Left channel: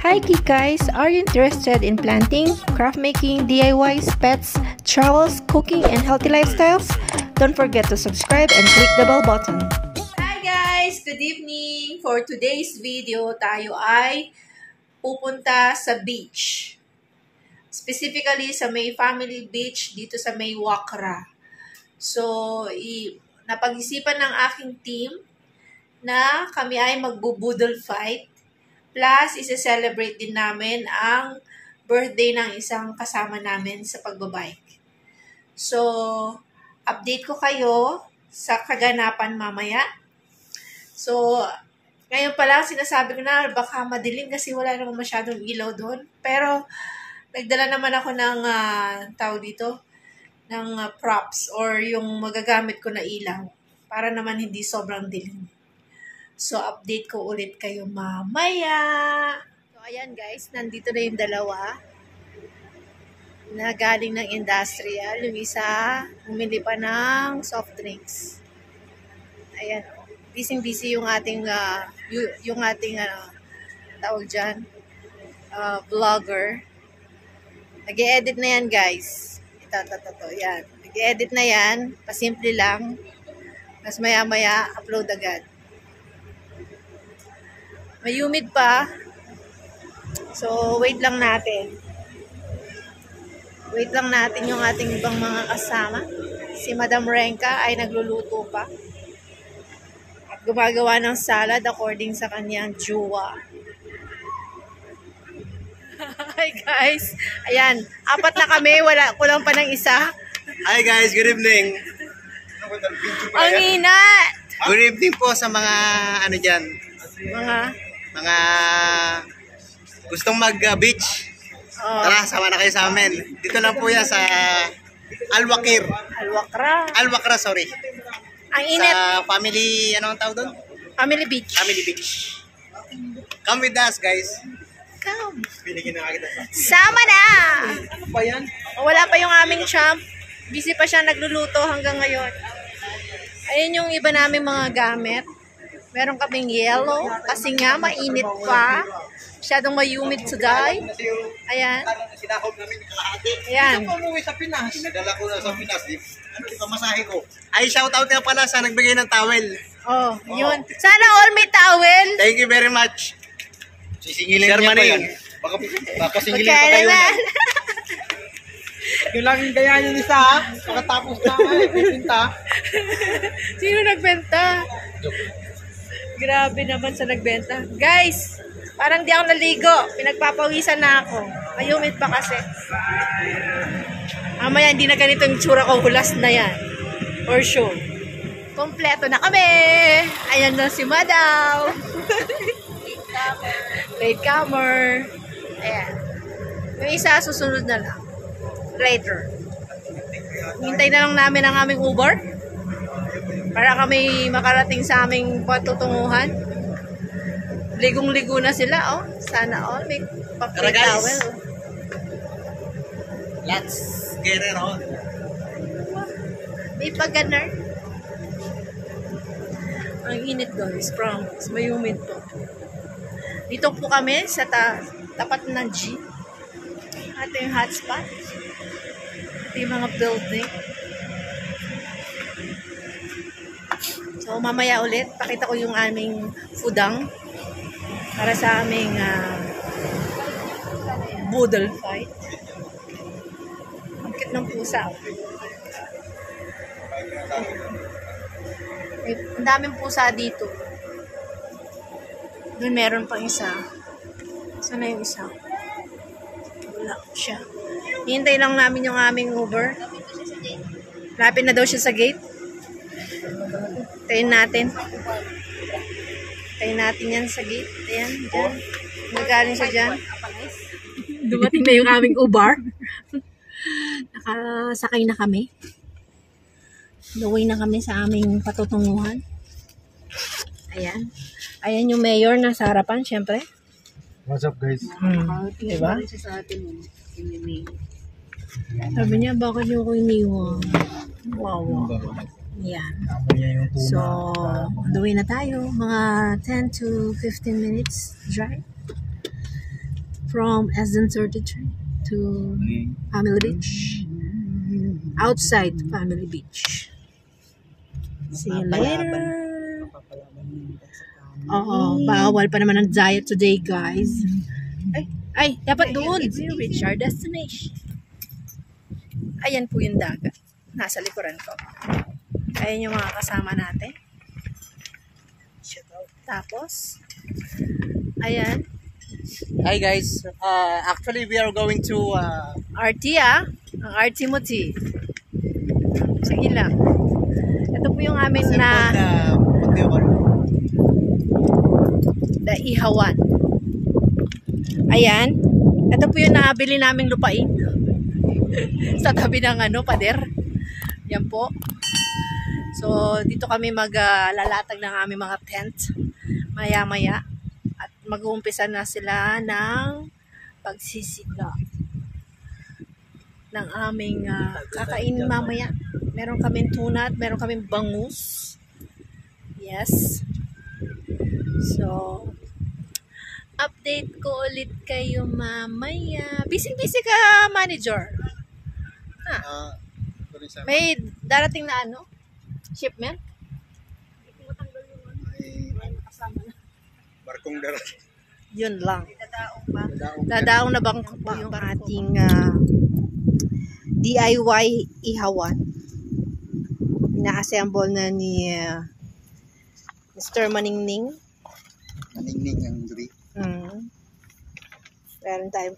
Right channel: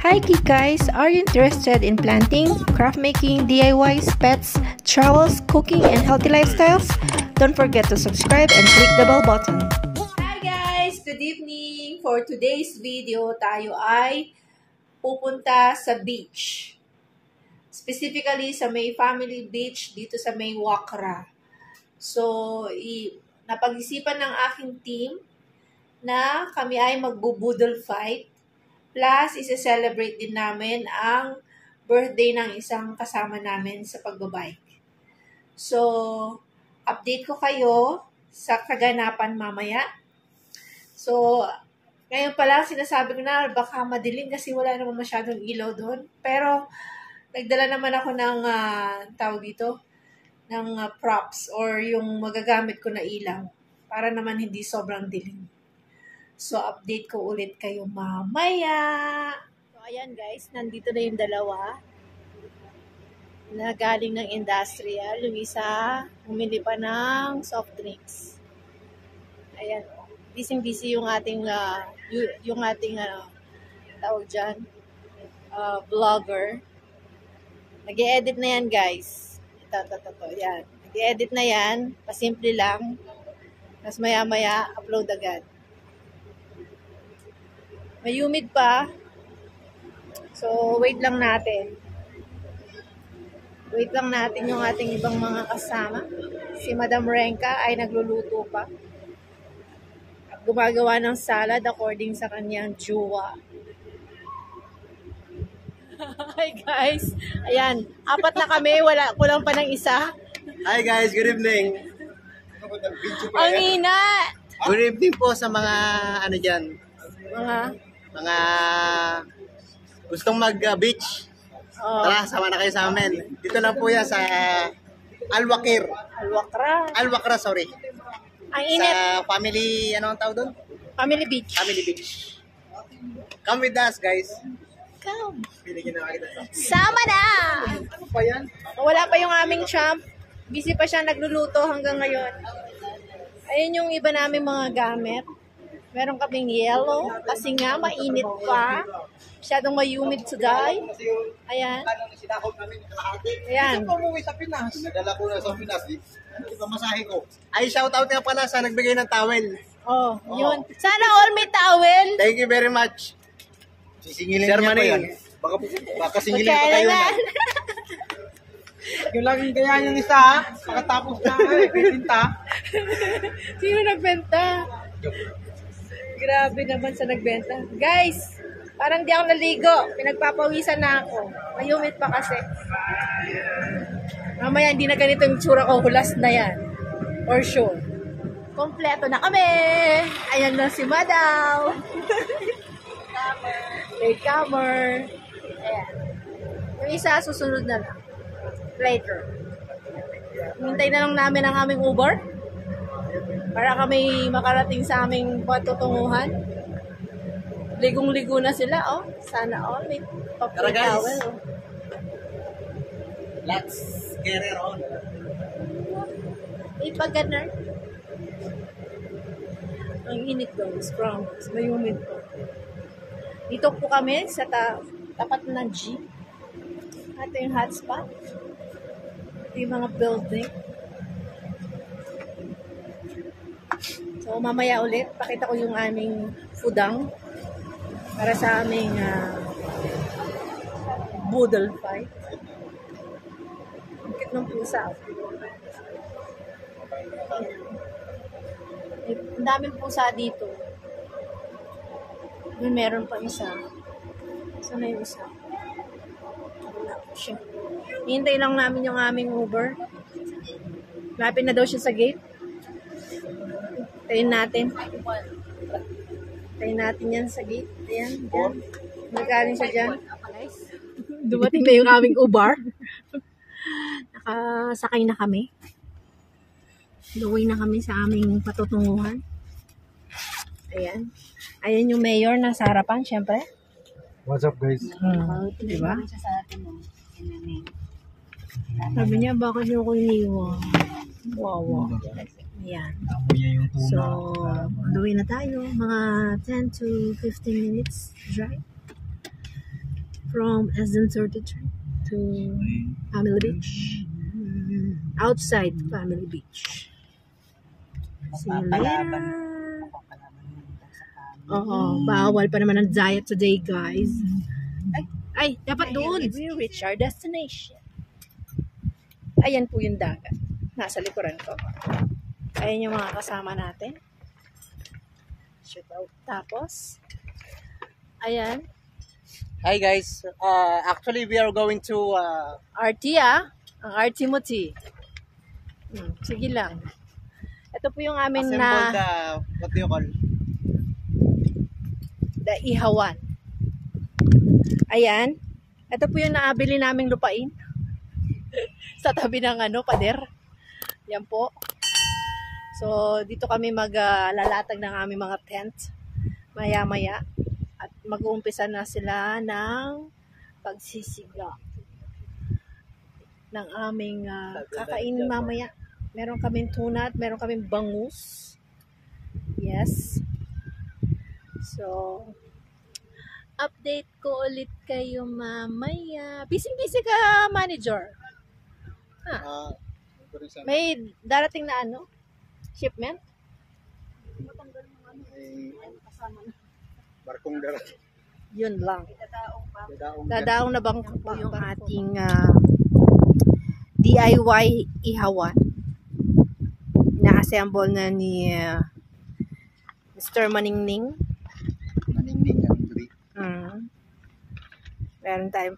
Hi guys, are you interested in planting, craft making, DIYs, pets, travels, cooking, and healthy lifestyles? Don't forget to subscribe and click the bell button. Hi guys! Good evening! For today's video, tayo ay pupunta sa beach. Specifically sa May Family Beach dito sa May Wakra. So, napag-isipan ng aking team na kami ay magbo-boodle fight. Plus, isi-celebrate din namin ang birthday ng isang kasama namin sa pagbabike. So, update ko kayo sa kaganapan mamaya. So, ngayon pa lang sinasabi ko na baka madilim kasi wala naman masyadong ilaw doon. Pero, nagdala naman ako ng props or yung magagamit ko na ilaw para naman hindi sobrang dilim. So, update ko ulit kayo mamaya. So, ayan guys, nandito na yung dalawa na galing ng industrial. Yung isa, humili pa ng soft drinks. Ayan, busy-busy yung ating, tawag dyan, vlogger. Nag-e-edit na yan guys. Ito, yan. Nag-e-edit na yan, pasimple lang. Mas maya-maya, upload agad. May humid pa. So, wait lang natin. Wait lang natin yung ating ibang mga kasama. Si Madam Renka ay nagluluto pa. At gumagawa ng salad according sa kanyang jowa. Hi guys. Ayan, apat na kami. Kulang pa ng isa. Hi guys, good evening. Ang inat! Good evening po sa mga ano dyan, mga gustong mag-beach. Tara, sama na kayo sa amin. Dito lang po yan sa Al-Wakra, sorry. Ang init. Sa family, ano ang tawag doon? Family Beach. Family Beach. Come with us, guys. Come. Binigyan na kita. Sama na! Ano pa yan? Wala pa yung aming champ. Busy pa siya nagluluto hanggang ngayon. Ayun yung iba naming mga gamit. Meron kaming yellow kasi nga mainit pa. Masyadong may-humid today. Ayan. Sinakop namin kalahati. Ayan. Ito po umuwi sa Pinas. Sinadala ko na sa Pinas. Ano ito masahe ko? Ay, shoutout nga pala sa nagbigay ng towel. Oh, yun. Sana all may towel. Thank you very much. Sisingilin niya ko yan. Baka singilin ko kayo na. Yung laging kaya yung isa, nakatapos na pinta. Sino nagbenta? Grabe naman sa nagbenta. Guys, parang di ako naligo. Pinagpapawisan na ako. May-humid pa kasi. Mamaya hindi na ganito yung tsura ko. Hulas na yan. For sure. Kompleto na kami. Ayan na si Madam. Latecomer. Ayan. Yung isa susunod na lang. Later. Hintay na lang namin ang aming Uber para kami makarating sa aming patutunguhan. Ligong-ligo na sila, oh. Sana all may paper towel, oh. Let's get it on. May pag-ganar. Ang init guys, promise. May humid po. Dito po kami sa tapat ng G. Ito yung hotspot. Ito yung mga building. So, mamaya ulit, pakita ko yung aming foodang para sa aming boodle fight. Ang cute ng pusa. Ang daming pusa dito. Doon meron pang isa. Saan na yung isa? Wala siya. Hintay lang namin yung aming Uber. Lapit na daw siya sa gate. Tayin natin. Tayin natin yan sa gate. Ayan, dyan. Nagaling siya dyan. Dumating na yung aming Uber. Nakasakay na kami. Gawin na kami sa aming patutunguhan. Ayan. Ayan yung mayor na sa harapan, syempre. What's up guys? Diba? Sabi niya, bakit niyo ko iniwan? Wow. Yan. So, on the way na tayo. Mga 10 to 15 minutes drive. from SN33 to Family Beach. Outside Family Beach. See you later. Oo, bawal pa naman ang diet today, guys. Ay, dapat doon. We reach our destination. Ayan po yung dagat. Nasa likuran ko. Ayan yung mga kasama natin. Tapos, ayan. Hi guys, actually we are going to RT ang RT mo, T. Sige lang. Ito po yung aming Ihawan. Ayan. Ito po yung nabili naming lupain. Sa tabi ng pader. Yan po. So, dito kami maglalatag ng aming mga tent. Maya-maya. At mag-uumpisa na sila ng pagsisiga ng aming kakainin mamaya. Meron kaming tuna at meron kaming bangus. Yes. So, update ko ulit kayo mamaya. Busy-busy ka, manager. May darating na shipment? Barkong darating. Yun lang. Dadaong na bang po yung ating DIY ihawan. Ina-assemble na ni Mr. Maningning. Maningning ang duri. Meron tayong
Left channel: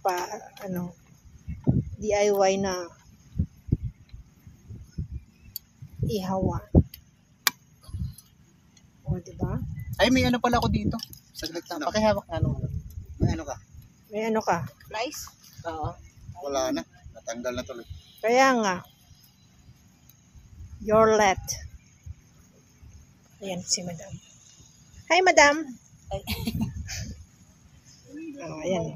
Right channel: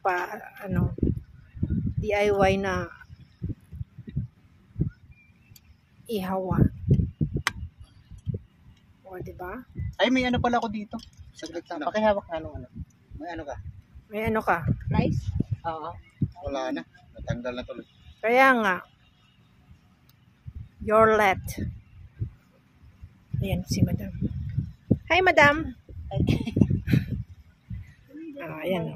DIY na ihawan. O, diba? Ay, may pala ako dito. Saglit lang. Pakihawak na May ka? May ka? Rice? Oo. Wala na. Natanggal na tuloy. Kaya nga. Your let. Ayan si madam. Hi, madam. Ayan.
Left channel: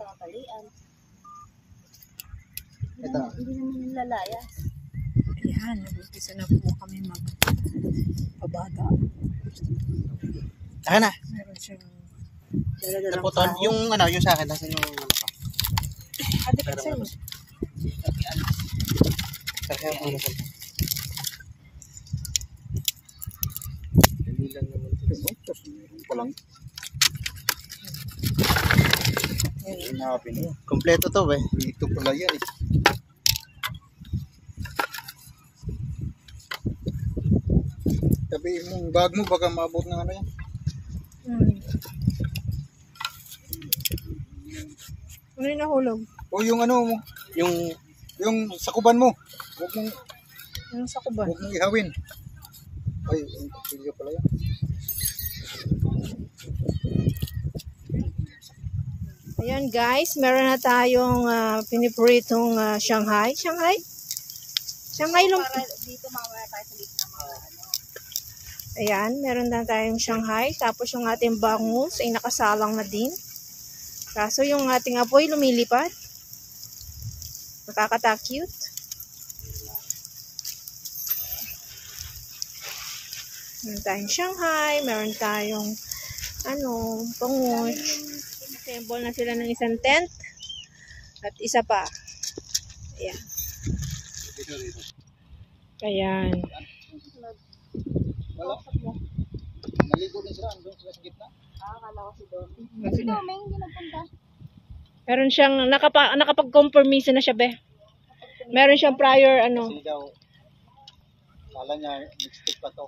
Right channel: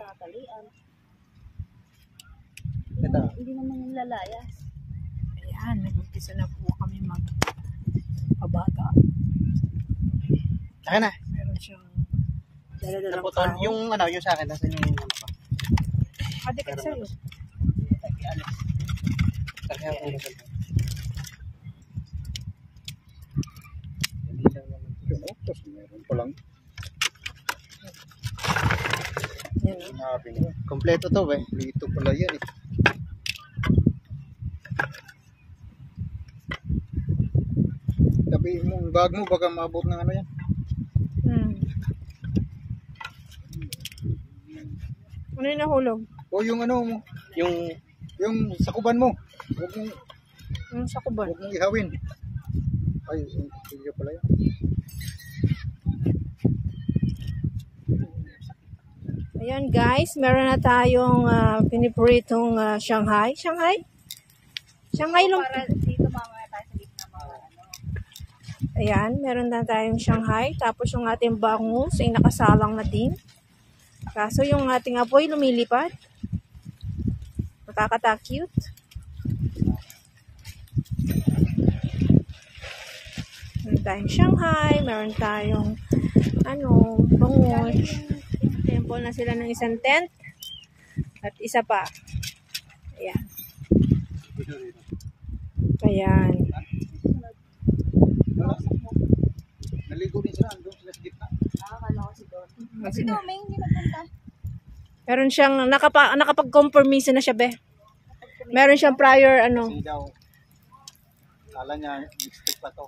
Ito. Hindi naman yung lalayas. Ayan, nag-umpisa na po kami magpabaga. Ayan na. Meron siyang dala-dalang Naputol. kahoy. Yung yung sa akin. Nasaan yung pa? Adikit sa'yo. Hindi lang naman ito. Meron pa lang. Kompleto to Dito pala yan Tabi mong bag mo baka maabot ng yan. Ano yung nahulog? O yung mo, yung sakuban mo. Huwag mong Sakuban. ihawin. Ay, yung kapilyo pala yan. Ayan guys, meron na tayong pinipritong Shanghai. Shanghai lumpia. Dito mamaya tayo sa gitna mga Ayan, meron na tayong Shanghai. Tapos yung ating bangus ay nakasalang na din. Kaso yung ating apoy lumilipad. Nakakata-cute. Meron tayong Shanghai, meron tayong bangus. Temple na sila ng isang tent. At isa pa. Ayan. Ayan. Wala. Naligo din sila. Andun sila sa gitna. Akala ko si Don. Si Doming, hindi napunta. Meron siyang nakapag-compromise na siya, be. Meron siyang prior Kasi daw, kala niya, mixed pa to.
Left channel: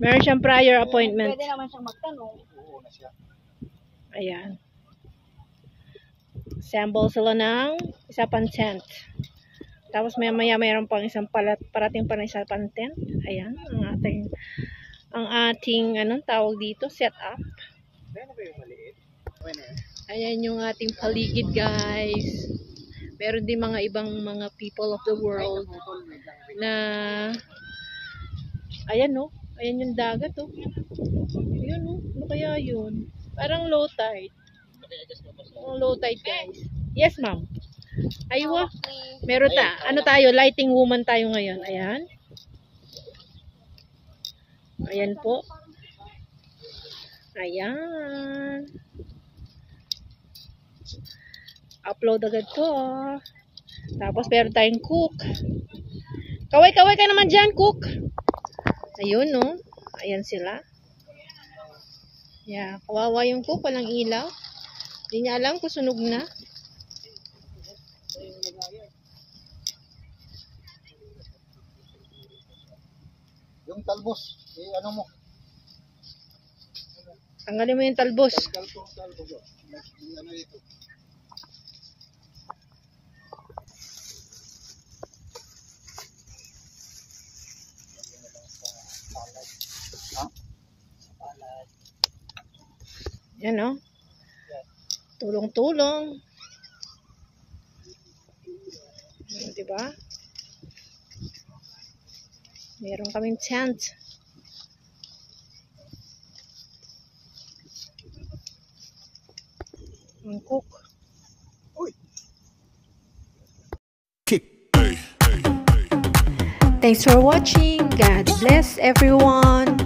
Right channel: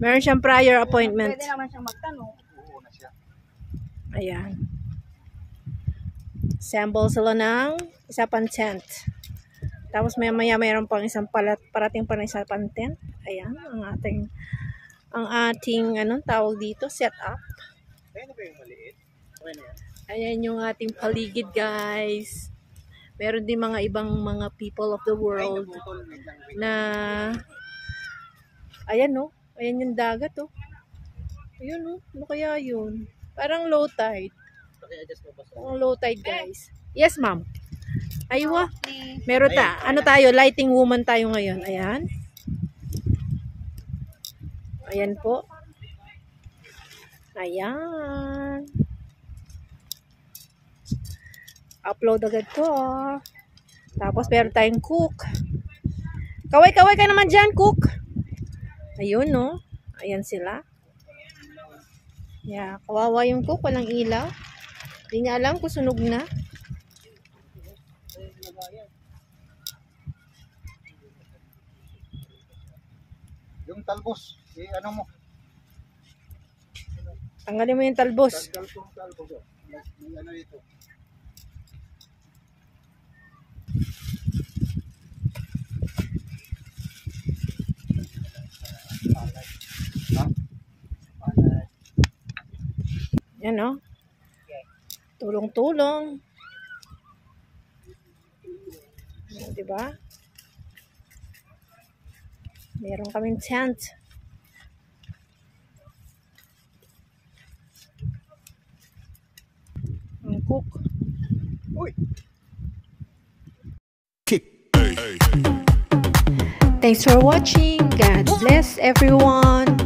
Meron siyang prior appointment. Pwede naman siyang magtanong. Oo na siya. Ayan. Assemble sila ng isa pang tent. Tapos maya mayroon pang isang parating pa na isa pang tent. Ayan, ang ating tawag dito, set up. Ayan yung ating paligid, guys. Meron din mga ibang mga people of the world na ayan ayan yung dagat Ayan ano kaya yun? Parang low tide. Parang low tide, guys. Yes, ma'am. Aywa. Meron tayo, lighting woman tayo ngayon. Ayan. Ayan po. Ayan. Upload agad ko. Tapos meron tayong cook. Kaway-kaway ka naman dyan, cook. Ayun, no? Ayan sila. Yeah, kawawa yung cook. Walang ilaw. Hindi niya alam kung sunog na. Yung talbos, ano mo? Tanggalin mo yung talbos. Ano dito? Yan, no? Tulong-tulong. Diba? Meron kaming tent. Ang cook. Thanks for watching. God bless everyone.